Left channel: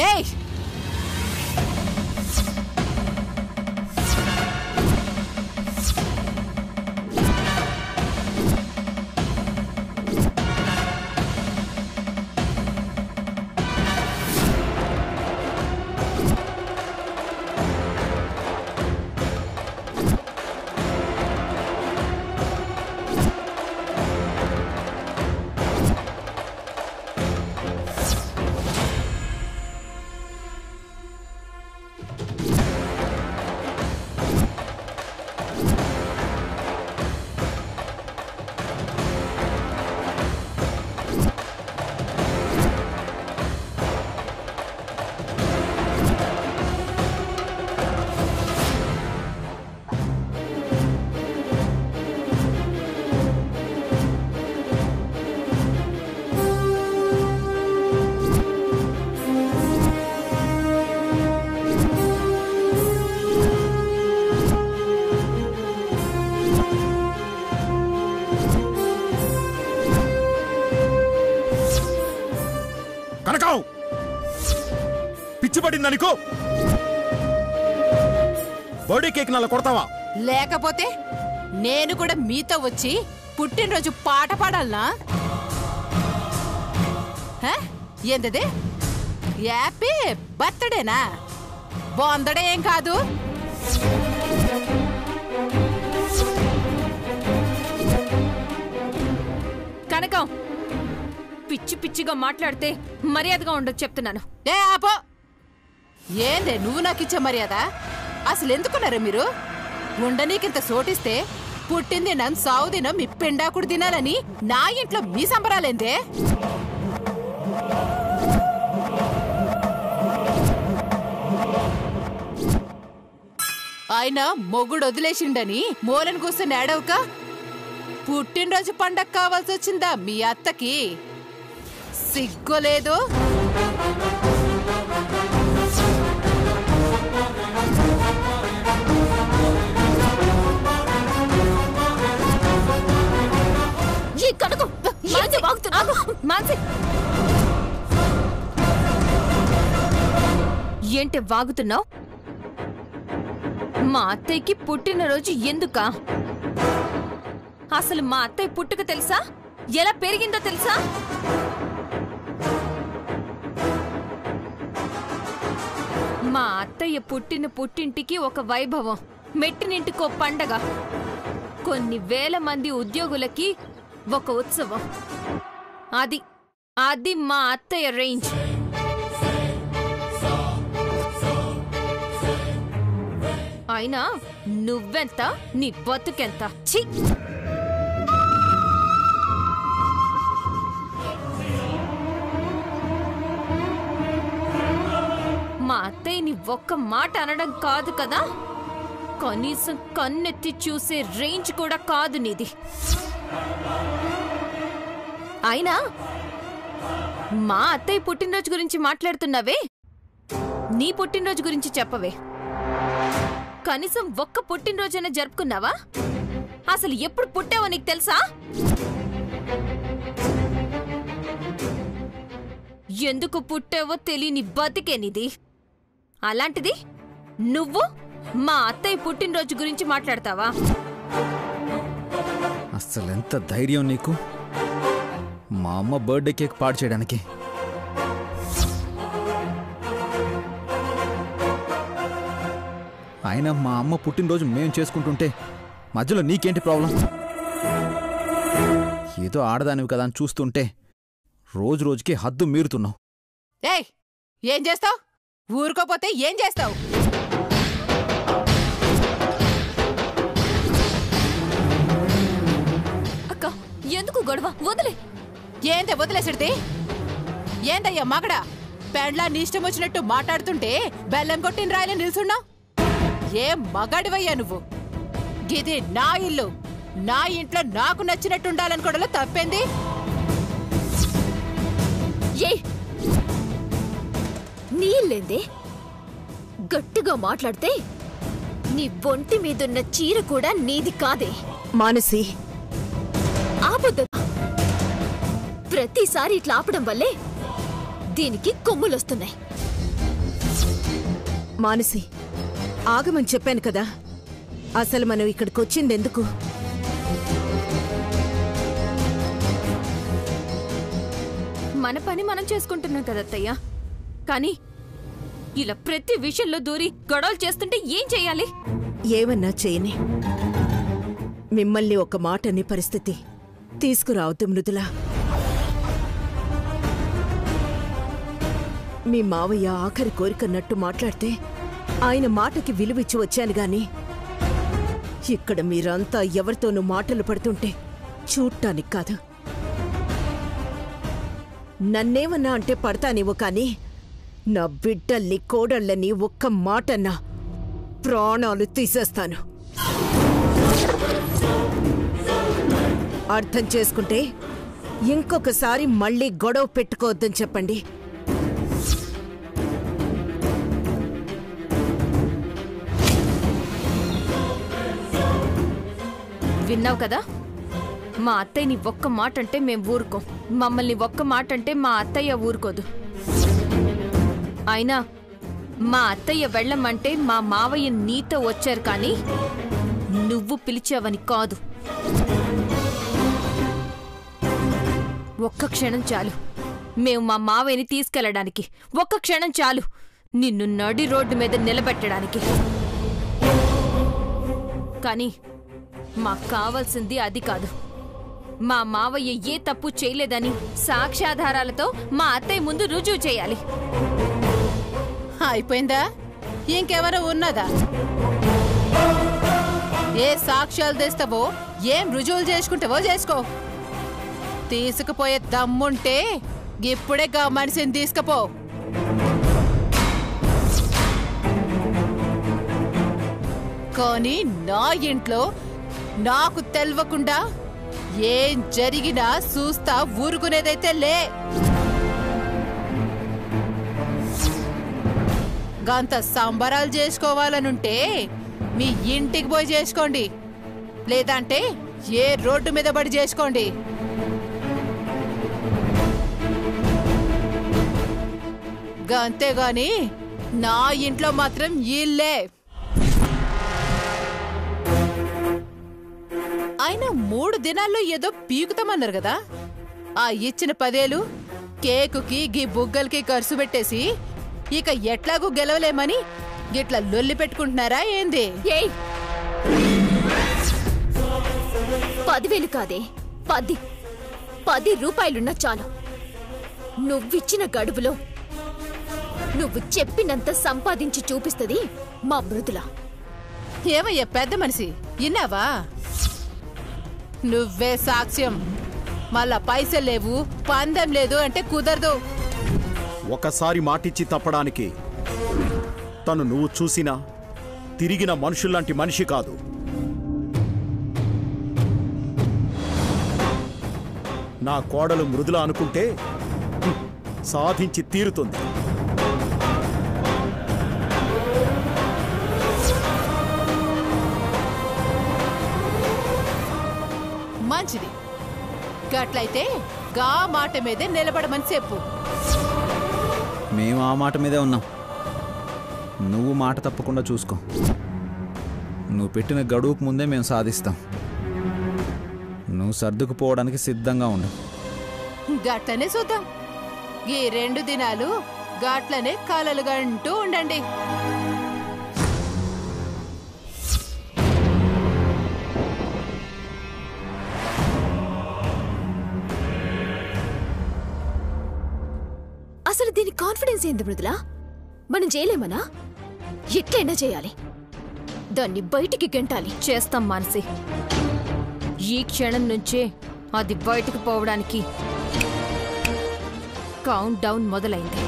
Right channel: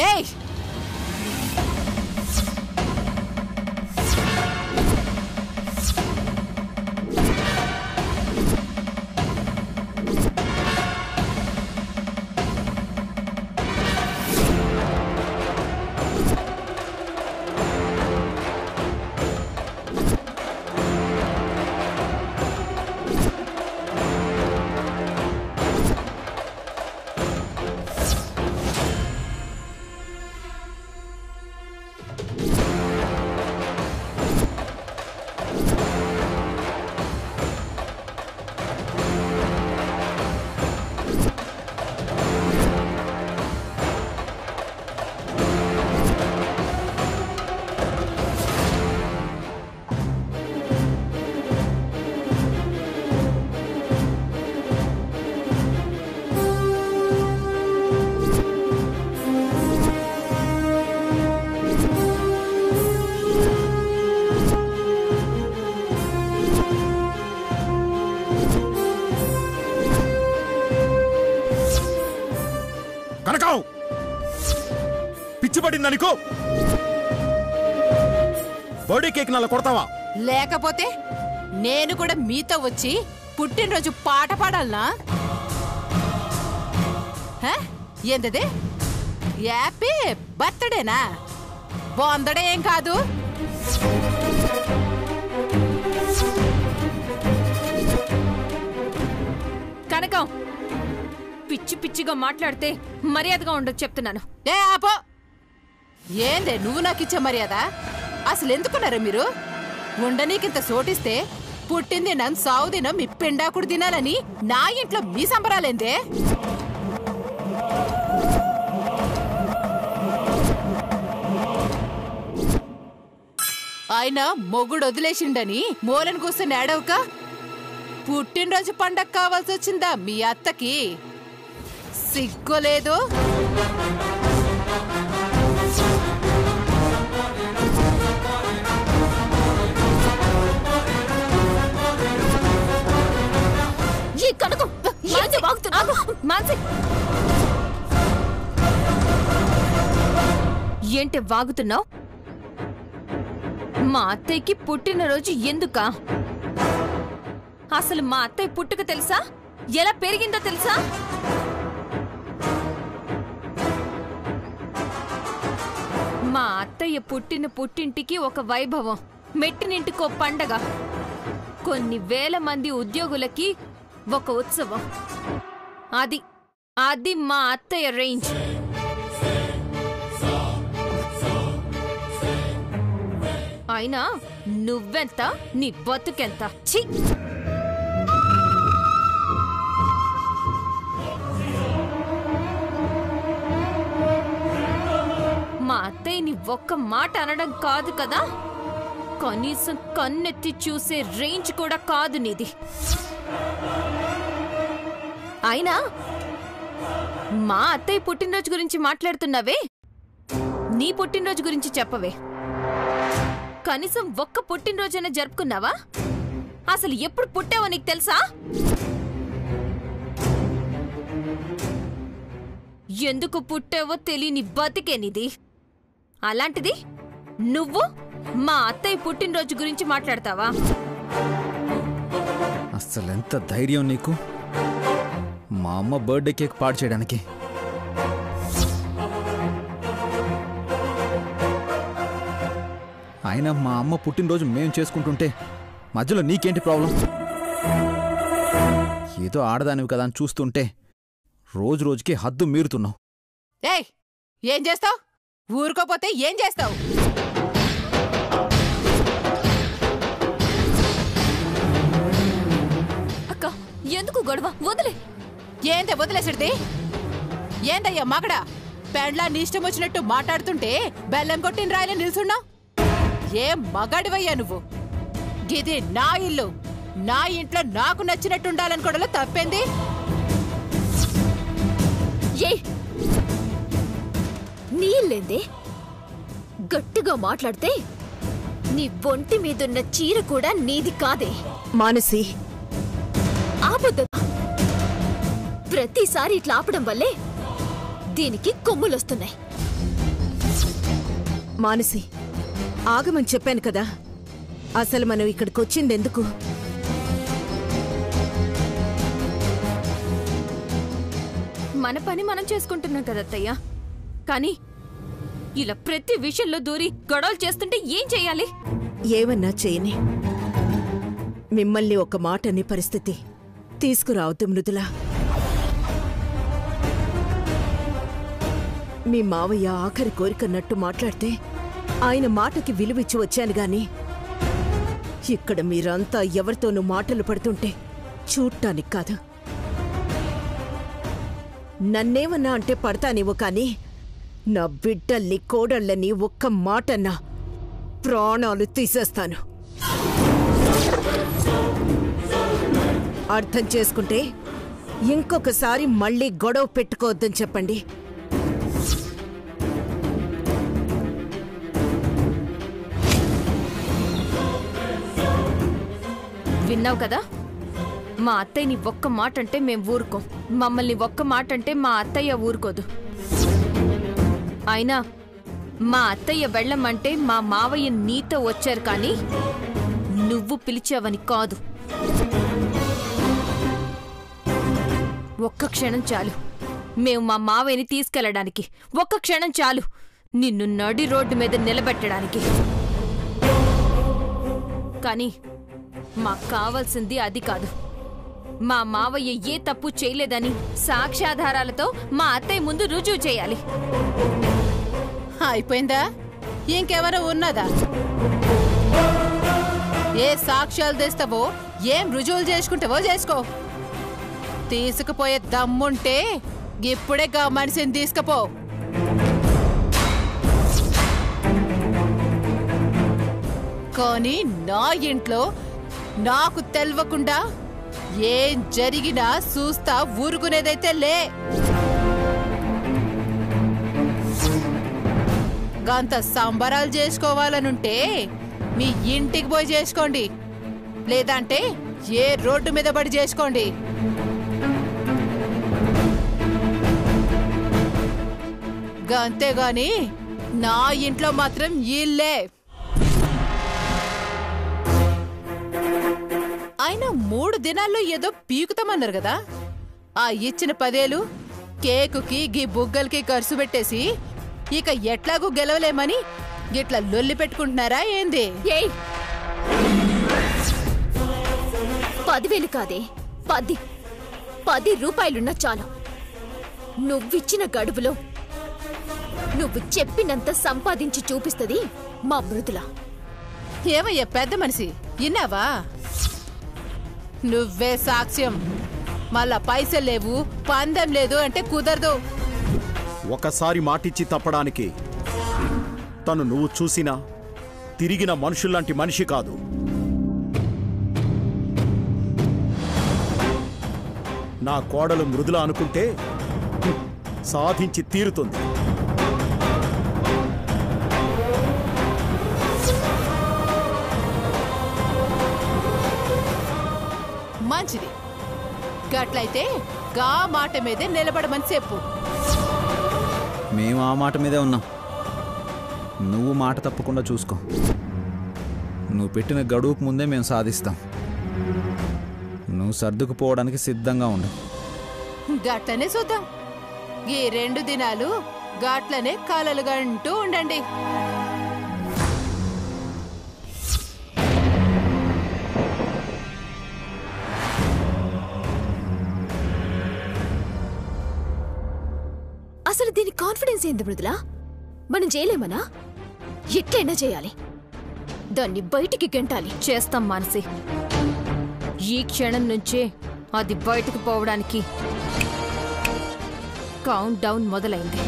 ఏయ్ కనకం పిచ్చిపడిందనుకో birthday cake నల్ల కొడతావా? లేకపోతే నేను కూడా మీతో వచ్చి పుట్టినరోజు పాట పాడాలనా? ఏందది? హ్యాపీ బర్త్డేనా? బొందడే ఏం కాదు. కనకం పిచ్చి పిచ్చిగా మాట్లాడితే మర్యాదగా ఉండదు చెప్తున్నాను. ఏ ఆపో! ఏందే నువ్వు నాకిచ్చే మర్యాద? అసలు ఎందుకున్నారా మీరు? ఉండనీకింత సోటిస్తే పుట్టిందినం సావుదినం మీ పిండాకుడు తినాలని నా ఇంట్లో మీ సంబరాలేందే? ఆయన మొగుడు వదిలేసిండని మూలను కూర్చొని ఏడవక పుట్టినరోజు పండగ కావాల్సి వచ్చిందా మీ అత్తకి? సిగ్గులేదు. ఏంటి వాగుతున్నావు? మా అత్తయ్యకి పుట్టినరోజు ఎందుకా? అసలు మా అత్తయ్య పుట్టుక తెలుసా? ఎలా పెరిగిందో తెలుసా? మా అత్తయ్య పుట్టిన పుట్టింటికి ఒక వైభవం, మెట్టినింటికో పండగ, కొన్ని వేల మంది ఉద్యోగులకి ఒక ఉత్సవం. అది అది మా అత్తయ్య రేంజ్. అయినా నువ్వెంత, నీ బతుకెంత? ఛీ! మా అత్తయ్యని ఒక్క మాట అనడం కాదు కదా, కనీసం కన్నెత్తి చూసే రేంజ్ కూడా కాదు నీది. అయినా మా అత్తయ్య పుట్టినరోజు గురించి మాట్లాడుతున్నావే, నీ పుట్టినరోజు గురించి చెప్పవే. కనీసం ఒక్క పుట్టినరోజైనా జరుపుకున్నావా? అసలు ఎప్పుడు పుట్టావో నీకు తెలుసా? ఎందుకు పుట్టావో తెలియని బతికేనిది. అలాంటిది నువ్వు మా అత్తయ్య పుట్టినరోజు గురించి మాట్లాడతావా? అసలెంత ధైర్యం నీకు మా అమ్మ బర్త్డే కేక్ పాడు చేయడానికి? అయినా మా అమ్మ పుట్టినరోజు మేం చేసుకుంటుంటే మధ్యలో నీకేంటి ప్రాబ్లం? ఏదో ఆడదానివి కదా అని చూస్తుంటే రోజు రోజుకి హద్దు మీరుతున్నావు. ఏయ్, ఏం చేస్తావు? ఊరుకోపోతే ఏం చేస్తావు? అక్క, ఎందుకు గొడవ? వదిలే. ఏందే వదిలేసిడిది? ఏందయ్యా మగడా? పెండ్లా నీ ఇష్టం వచ్చినట్టు మాట్లాడుతుంటే బెల్లం కొట్టిన రాయలే నిల్చున్నావు. ఏం మగాడివయ్యా నువ్వు? గిది నా ఇల్లు, నా ఇంట్లో నాకు నచ్చినట్టుండాలనుకోవడంలో తప్పేంది? నీ ఇల్లేందే? గట్టిగా మాట్లాడితే నీ ఒంటి మీదున్న చీర కూడా నీది కాదే. మానసి, ఆపొద్దు. ప్రతిసారి ఇట్లా ఆపడం వల్లే దీనికి కొమ్ములొస్తున్నాయి. మానసి, ఆగమని చెప్పాను కదా. అసలు మనం ఇక్కడికొచ్చిందెందుకు? మన పని మనం చేసుకుంటున్నాం కదా అత్తయ్య. కానీ ఇలా ప్రతి విషయంలో దూరి గొడవలు చేస్తుంటే ఏం చెయ్యాలి? ఏమన్నా చేయని. మిమ్మల్ని ఒక మాట అనే పరిస్థితి తీసుకురావద్దు మృదులా. మీ మావయ్య ఆఖరి కోరికన్నట్టు మాట్లాడితే ఆయన మాటకి విలువిచ్చి వచ్చాను గాని ఇక్కడ మీరంతా ఎవరితోనూ మాటలు పడుతుంటే చూడటానికి కాదు. నన్నేమన్నా అంటే పడతానేమో కాని నా బిడ్డల్ని కోడళ్ళని ఒక్క మాటన్నా ప్రాణాలు తీసేస్తాను. అర్థం చేసుకుంటే ఇంకొకసారి మళ్ళీ గొడవ పెట్టుకోవద్దని చెప్పండి. విన్నావు కదా, మా అత్తయ్యని ఒక్క మాట అంటే మేం ఊరుకోం, మమ్మల్ని ఒక్క మాట అంటే మా అత్తయ్య ఊరుకోదు. అయినా మా అత్తయ్య వెళ్ళమంటే మా మావయ్య నీతో వచ్చారు కానీ నువ్వు పిలిచావని కాదు. ఒక్క క్షణం చాలు మేము మా మావయ్యని తీసుకెళ్లడానికి. ఒక్క క్షణం చాలు నిన్ను నడి రోడ్డు మీద నిలబెట్టడానికి. కానీ మాకు కావాల్సింది అది కాదు. మా మావయ్య ఏ తప్పు చేయలేదని సాక్ష్యాధారాలతో మా అత్తయ్య ముందు రుజువు చేయాలి. అయిపోయిందా? ఇంకెవరో ఉన్నదా? ఏ సాక్ష్యాలు తెస్తావో, ఏం రుజువులు చేసుకుంటావో చేసుకో. తీసుకుపోయే దమ్ముంటే ఇప్పుడే గా మనిషిని తీసుకుపో. కానీ నా ఇంట్లో నాకు తెలవకుండా ఏం జరిగినా చూస్తా ఊరుకునేదైతే లే. గంత సంబరాలు చేసుకోవాలనుంటే మీ ఇంటికి పోయి చేసుకోండి, లేదంటే ఏ రోడ్డు మీద పడి చేసుకోండి. అంతేగాని నా ఇంట్లో మాత్రం ఇల్లే. ఆయన 3 దినాల్లో ఏదో పీకుతామన్నారు కదా, ఆ ఇచ్చిన 10,000 కేకుకి గీ బుగ్గలకి ఖర్చు పెట్టేసి ఇక ఎట్లాగూ గెలవలేమని గిట్లా లొల్లి పెట్టుకుంటున్నారా ఏంది? ఏయ్, 10,000 కాదే, 10 రూపాయలున్నా చాలు. నువ్విచ్చిన గడువులో నువ్వు చెప్పినంత సంపాదించి చూపిస్తుంది మా మృదుల. ఏమయ్యా పెద్ద మనిషి, ఇన్నావా? నువ్వే సాక్ష్యం. మళ్ళా పైసలు లేవు, పందెం లేదు అంటే కుదరదు. ఒకసారి మాటిచ్చి తప్పడానికి తను నువ్వు చూసినా తిరిగిన మనుషుల్లాంటి మనిషి కాదు. నా కోడలు మృదుల అనుకుంటే సాధించి తీరుతుంది. మంచిది. గట్లయితే గా మాట మీదే నిలబడమని చెప్పు. మేము ఆ మాట మీదే ఉన్నాం. నువ్వు మాట తప్పకుండా చూసుకో. నువ్వు పెట్టిన గడువుకు ముందే మేము సాధిస్తాం. నువ్వు సర్దుకుపోవడానికి సిద్ధంగా ఉండు. గట్లనే చూద్దాం. ఈ 2 దినాలు గట్లనే కలలుగంటూ ఉండండి. అసలు దీని కాన్ఫిడెన్స్ ఏంది మృదులా? మనం చేయలేమనా? ఎట్లయినా చేయాలి, దాన్ని బయటికి గెంటాలి. చేస్తాం మానసి. ఈ క్షణం నుంచే అది బయటకు పోవడానికి కౌంట్ డౌన్ మొదలైంది.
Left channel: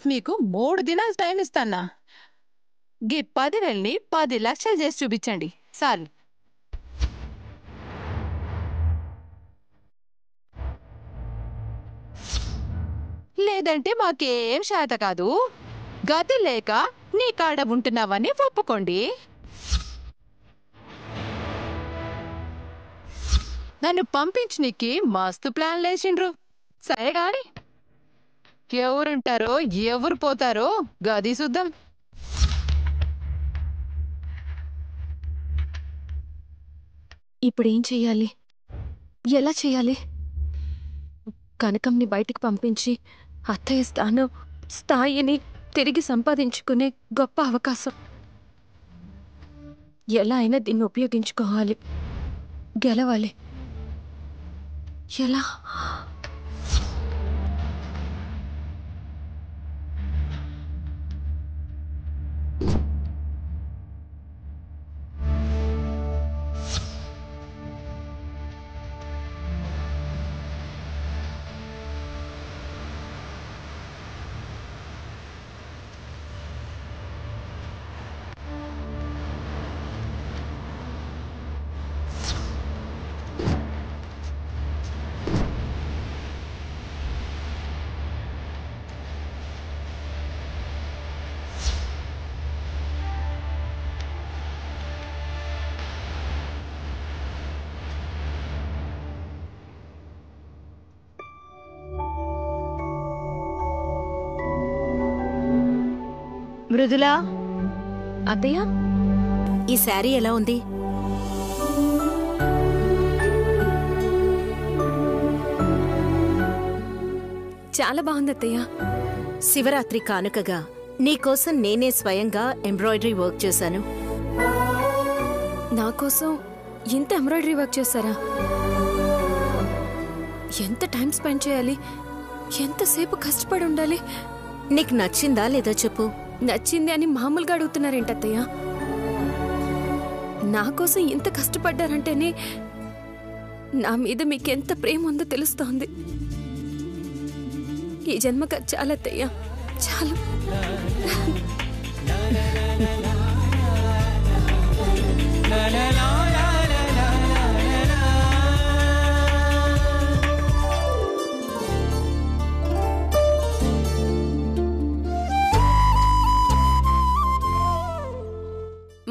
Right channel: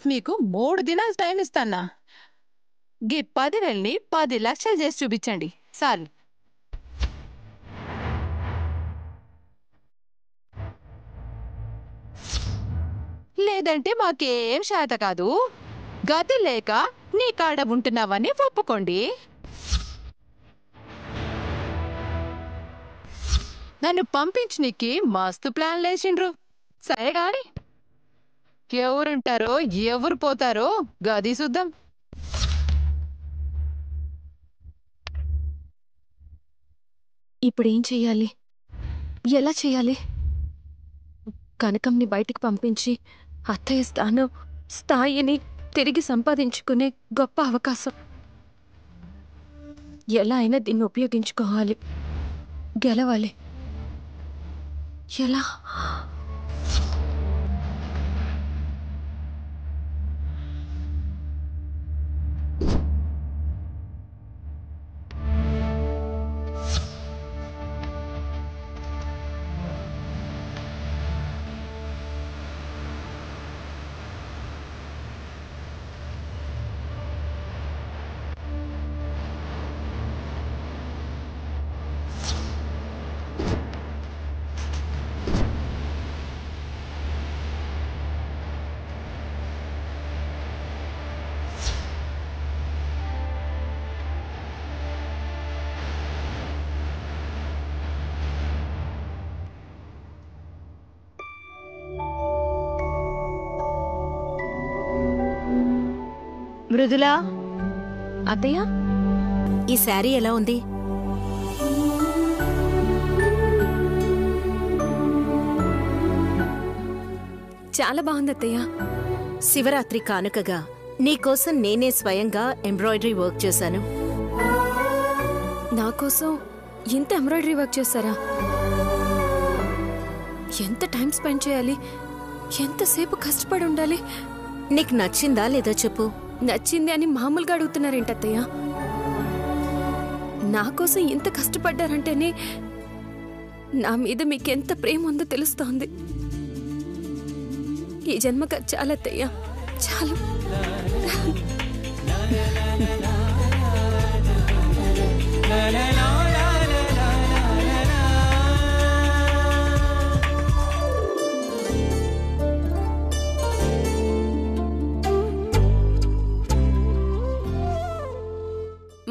మీకు 3 దినాలు టైం ఇస్తానా. గీ 10,000ని 10 లక్షలు చేసి చూపించండి చాలు. లేదంటే మాకేం శాత కాదు. గతి లేక నీ కాడ ఉంటున్నావని ఒప్పుకోండి. నన్ను పంపించనీకి మస్తు ప్లాన్ లేచిండ్రు. సరే గాని ఎవరుంటారో ఎవరు పోతారో గది చూద్దాం. ఇప్పుడేం చెయ్యాలి? ఎలా చెయ్యాలి? కనకంని బయటికి పంపించి అత్తయ్య స్థాయిని తిరిగి సంపాదించుకునే గొప్ప అవకాశం. ఎలా అయినా దీన్ని ఉపయోగించుకోవాలి, గెలవాలి. ఎలా? మృదులా, అత్తయ్య, ఈ శారీ ఎలా ఉంది? చాలా బాగుంది అత్తయ్య. శివరాత్రి కానుకగా నీకోసం నేనే స్వయంగా ఎంబ్రాయిడరీ వర్క్ చేశాను. నా కోసం ఇంత ఎంబ్రాయిడరీ వర్క్ చేశారా? ఎంత టైం స్పెండ్ చేయాలి? ఎంతసేపు కష్టపడి ఉండాలి? నీకు నచ్చిందా లేదా చెప్పు. నచ్చింది అని మామూలుగా అడుగుతున్నారేంటత్తయ్య? నా కోసం ఇంత కష్టపడ్డారంటేనే నా మీద మీకెంత ప్రేమ ఉందో తెలుస్తోంది. ఈ జన్మక చాలత్తయ్య, చాలు.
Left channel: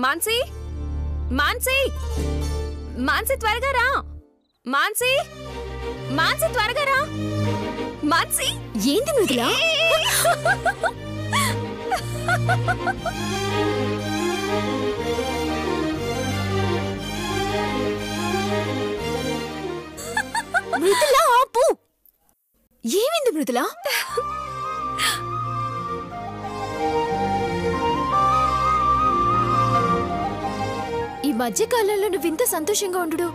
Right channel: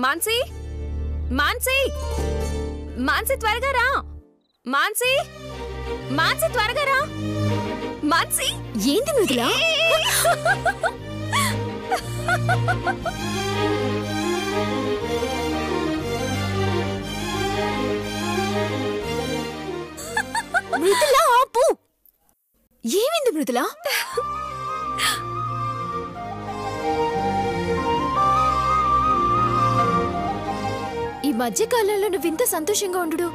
మాన్సీ, మాన్సీ, మాన్సీ త్వరగా రా. మాన్సీ, మాన్సీ త్వరగా రా. మాన్సీ, ఏంటి మృదులా? మృదులా, ఆపు. ఏమైంది మృదులా? ఈ మధ్యకాలంలో నువ్వు ఇంత సంతోషంగా ఉండు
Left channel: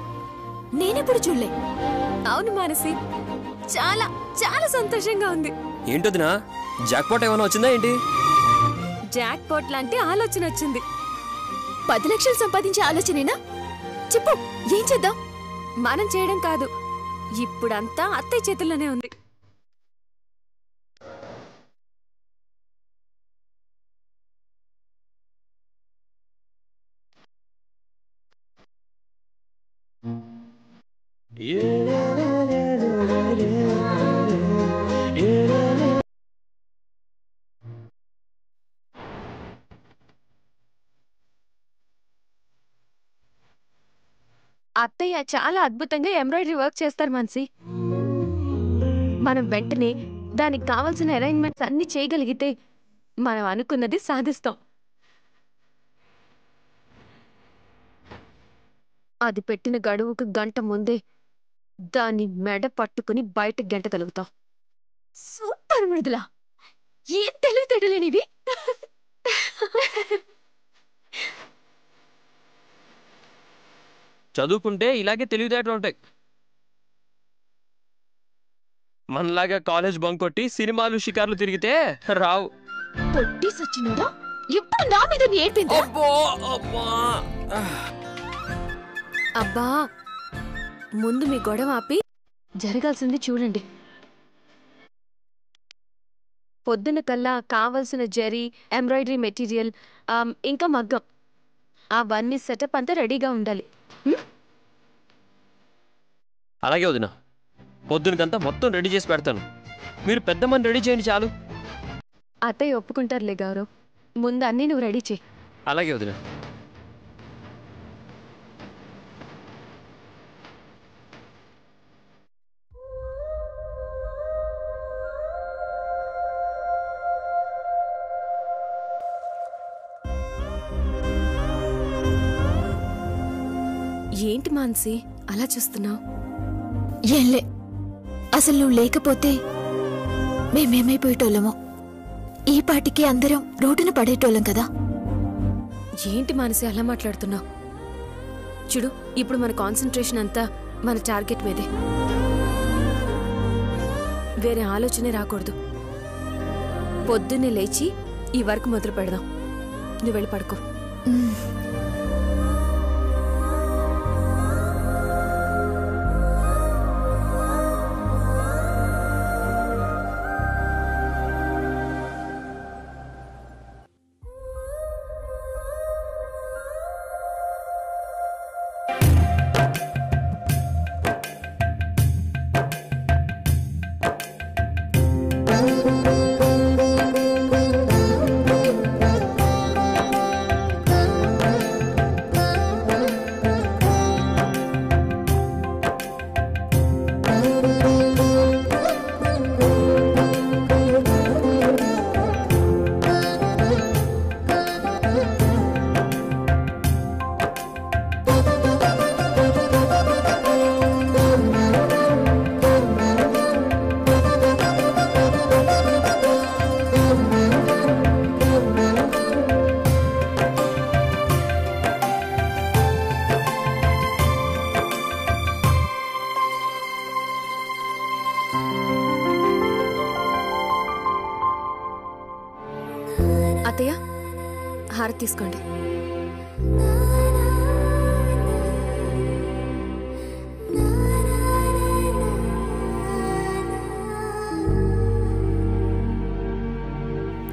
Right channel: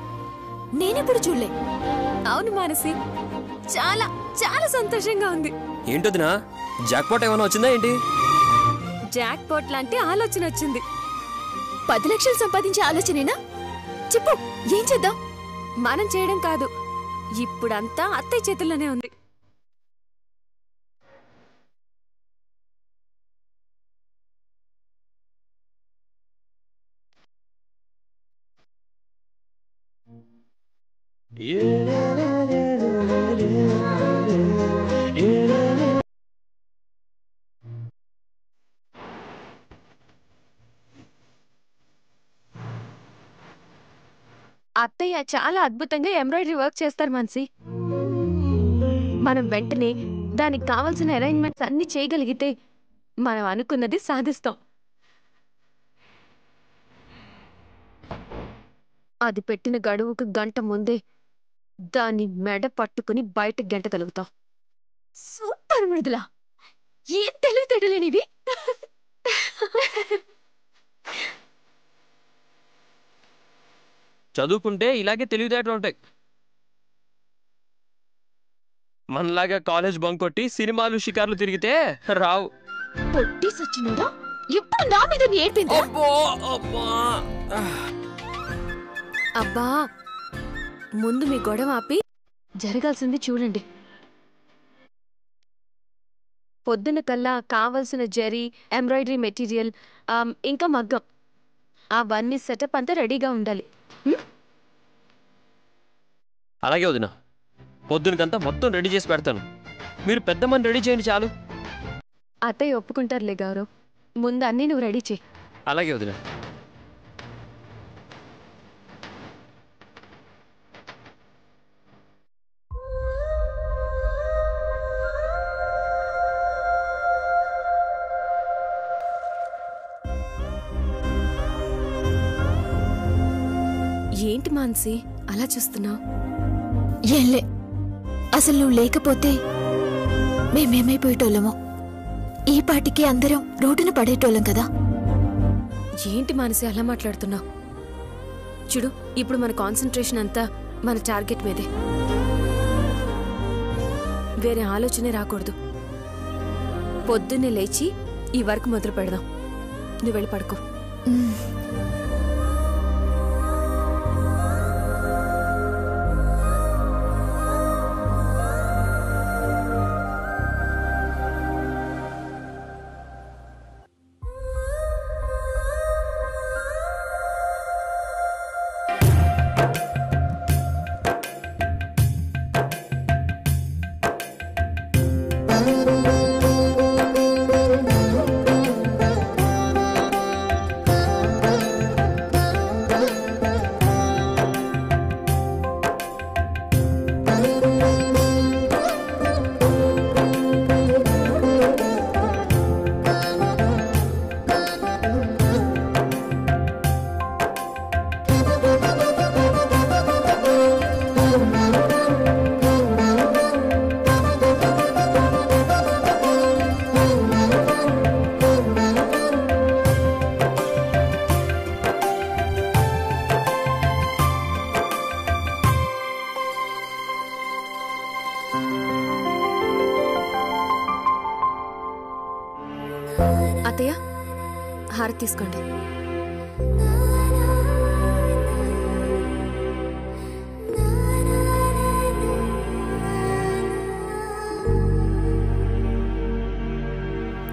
నేనెప్పుడు చూడలే. అవును మానసి, చాలా చాలా సంతోషంగా ఉంది. ఏంటొదినా, జాక్పాట్ ఏమైనా వచ్చిందా ఏంటి? జాక్ పాట్ లాంటి ఆలోచన వచ్చింది. 10 లక్షలు సంపాదించే ఆలోచనేనా? చెప్పు, ఏం చేద్దాం? మనం చేయడం కాదు, ఇప్పుడంతా అత్తయ్య చేతుల్లోనే ఉంది. అత్తయ్య చాలా అద్భుతంగా ఎంబ్రాయిడరీ వర్క్ చేస్తారు మాన్సి. మనం వెంటనే దానికి కావాల్సిన అరేంజ్మెంట్స్ అన్ని చేయగలిగితే మనం అనుకున్నది సాధిస్తాం. అది పెట్టిన గడువుకు గంట ముందే దాన్ని మెడ పట్టుకుని బయట గెంటగలుగుతాం. సూపర్ మృదులా, ఏం తెలివితేటలేనివి. చదువుకుంటే ఇలాగే తెలివితేటలు ఉంటాయి. మనలాగా కాలేజ్ బంక్ కొట్టి సినిమాలు షికార్లు తిరిగితే రావు. పొట్టి సచ్చినోడా, ఎప్పుడు నా మీద ఏడ్పింది. అబ్బా, ముందు మీ గొడవ ఆపి జరగాల్సింది చూడండి. పొద్దున కల్లా కావలసిన జరీ, ఎంబ్రాయిడరీ మెటీరియల్, ఇంకా మగ్గం, అవన్నీ సెటప్ అంతా రెడీగా ఉండాలి. అలాగే వదినా, పొద్దునకంతా మొత్తం రెడీ చేసి పెడతాను. మీరు పెద్దమ్మని రెడీ చేయండి చాలు. అత్తయ్య ఒప్పుకుంటారులే గౌరవ్. ముందు అన్నీ నువ్వు రెడీ చేయి. అలాగే వదిన. ఏంటి మాన్సి అలా చూస్తున్నావు? ఏంలే, అసలు నువ్వు లేకపోతే మేమేమైపోయేటోళ్ళమో. ఈ పాటికి అందరం రోడ్డున పడేటోళ్ళం కదా. ఏంటి మానసి అలా మాట్లాడుతున్నావు? చూడు, ఇప్పుడు మన కాన్సన్ట్రేషన్ అంతా మన టార్గెట్ మీదే. వేరే ఆలోచనే రాకూడదు. పొద్దున్నే లేచి ఈ వర్క్ మొదలు పెడదాం. నువ్వు వెళ్ళి పడుకో. అత్తయ్య, హారతి తీసుకోండి.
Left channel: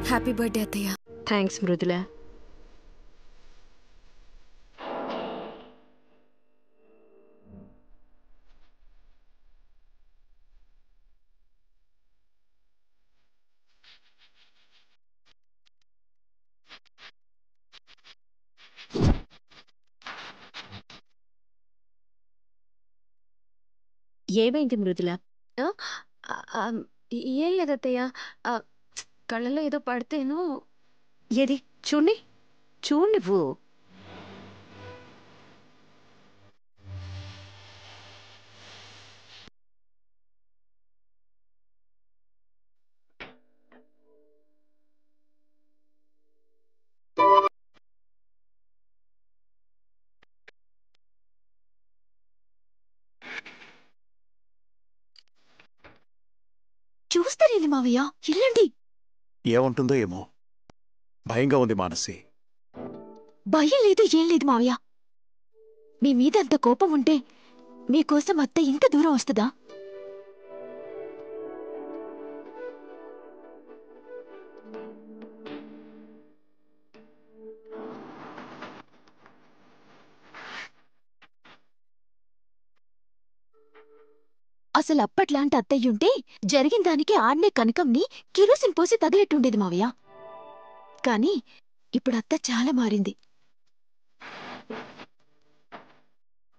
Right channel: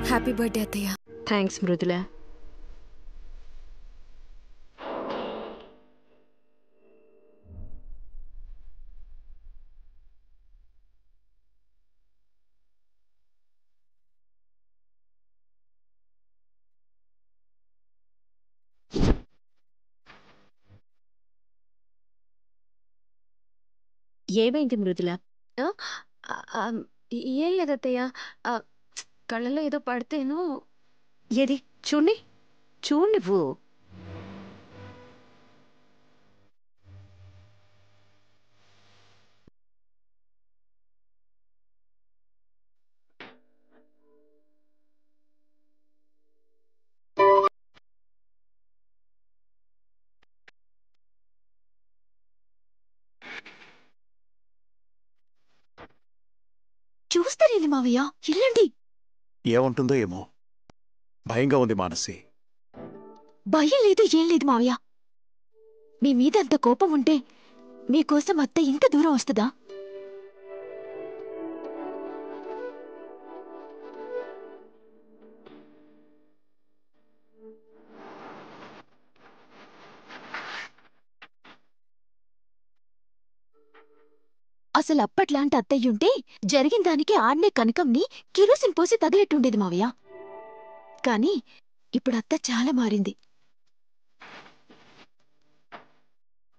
హ్యాపీ బర్త్డే అత్తయ్య. థ్యాంక్స్ మృదుల. ఏమైంది మృదుల? ఏం లేదత్తయ్య, కళ్ళలో ఏదో పడితేను. ఏది చూడండి, చూడు నువ్వు. చూస్తారేంది మావయ్య, వెళ్ళండి. ఏముంటుందో ఏమో, భయంగా ఉంది మానసి. భయం లేదు, ఏం లేదు మావయ్య. మీ మీద అంత కోపం ఉంటే మీకోసం అత్త ఇంత దూరం వస్తుందా? అసలు అప్పట్లాంటి అత్తయ్యుంటే జరిగిన దానికి ఆడ్నే కనకంని కిరోసిన్ పోసి తగిలెట్టుండేది మావయ్య. కాని ఇప్పుడు అత్త చాలా మారింది.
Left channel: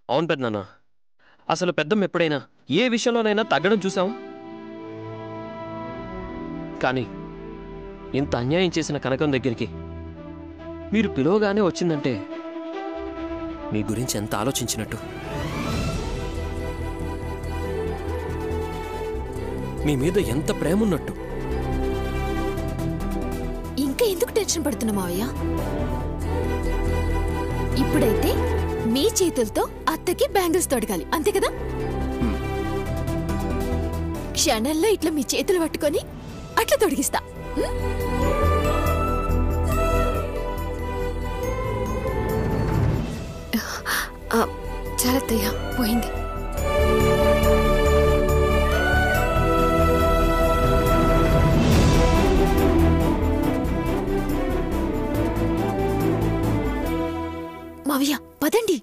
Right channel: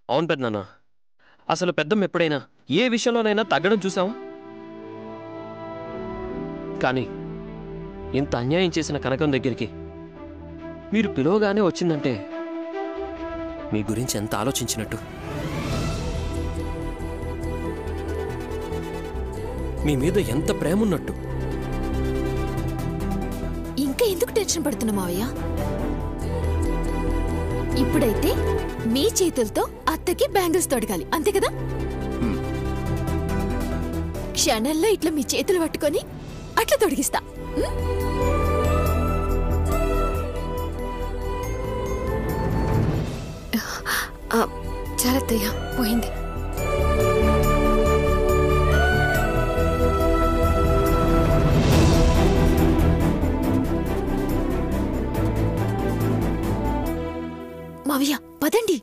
అవును పెద్దనాన్న, అసలు పెద్దమ్మ ఎప్పుడైనా ఏ విషయంలోనైనా తగ్గడం చూసాం? కానీ ఇంత అన్యాయం చేసిన కనకం దగ్గరికి మీరు పిలవగానే వచ్చిందంటే మీ గురించి ఎంత ఆలోచించినట్టు, మీ మీద ఎంత ప్రేమ ఉన్నట్టు. ఇంకా ఎందుకు టెన్షన్ పడుతున్నా మావయ్య? ఇప్పుడైతే మీ చేతులతో అత్తకి బ్యాంగిల్స్ తొడగాలి, అంతే కదా? క్షణంలో ఇట్లా మీ చేతులు పట్టుకొని అట్లా తొడిగిస్తా. చాలా అత్తయ్య, పోయింది. మావయ్య పదండి.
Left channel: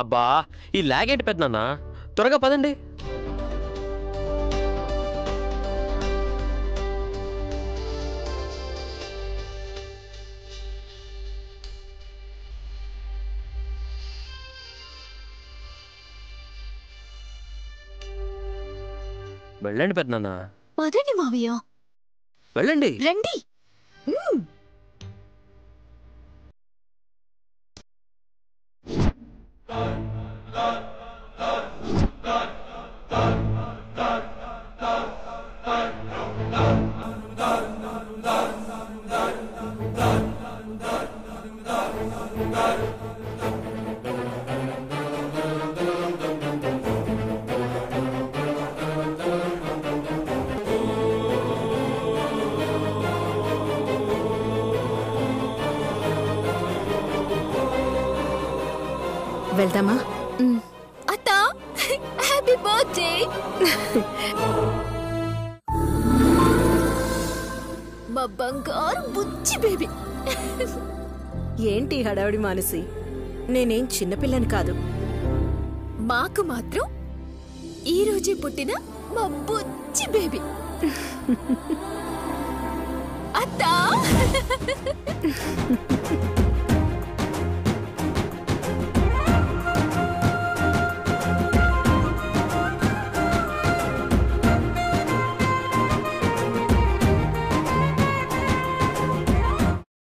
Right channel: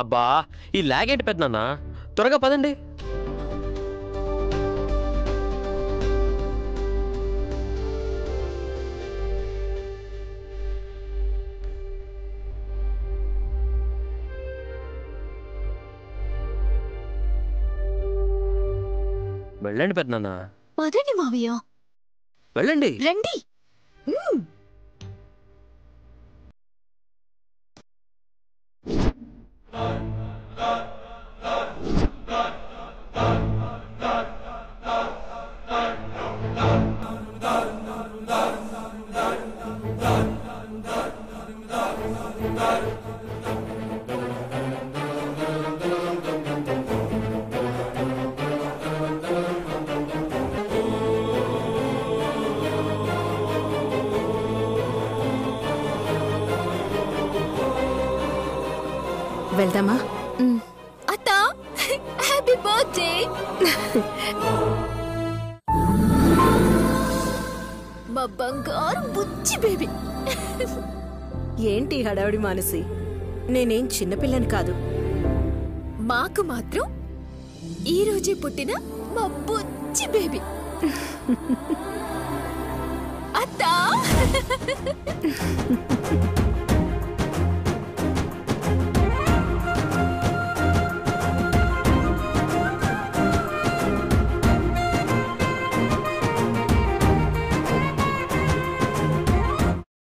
అబ్బా, ఈ లాగేంటి పెద్దనాన్న, త్వరగా పదండి. వెళ్ళండి పెద్దనాన్న, పదండి మావయ్య, వెళ్ళండి. రండి. వెళ్దామా? అత్త, హ్యాపీ బర్త్డే. మా బంగారు బుజ్జి బేబీ. ఏంటి హడావిడి మానసి? నేనేం చిన్నపిల్లని కాదు. మాకు మాత్రం ఈ రోజే పుట్టిన మా బుజ్జి బేబీ. అత్త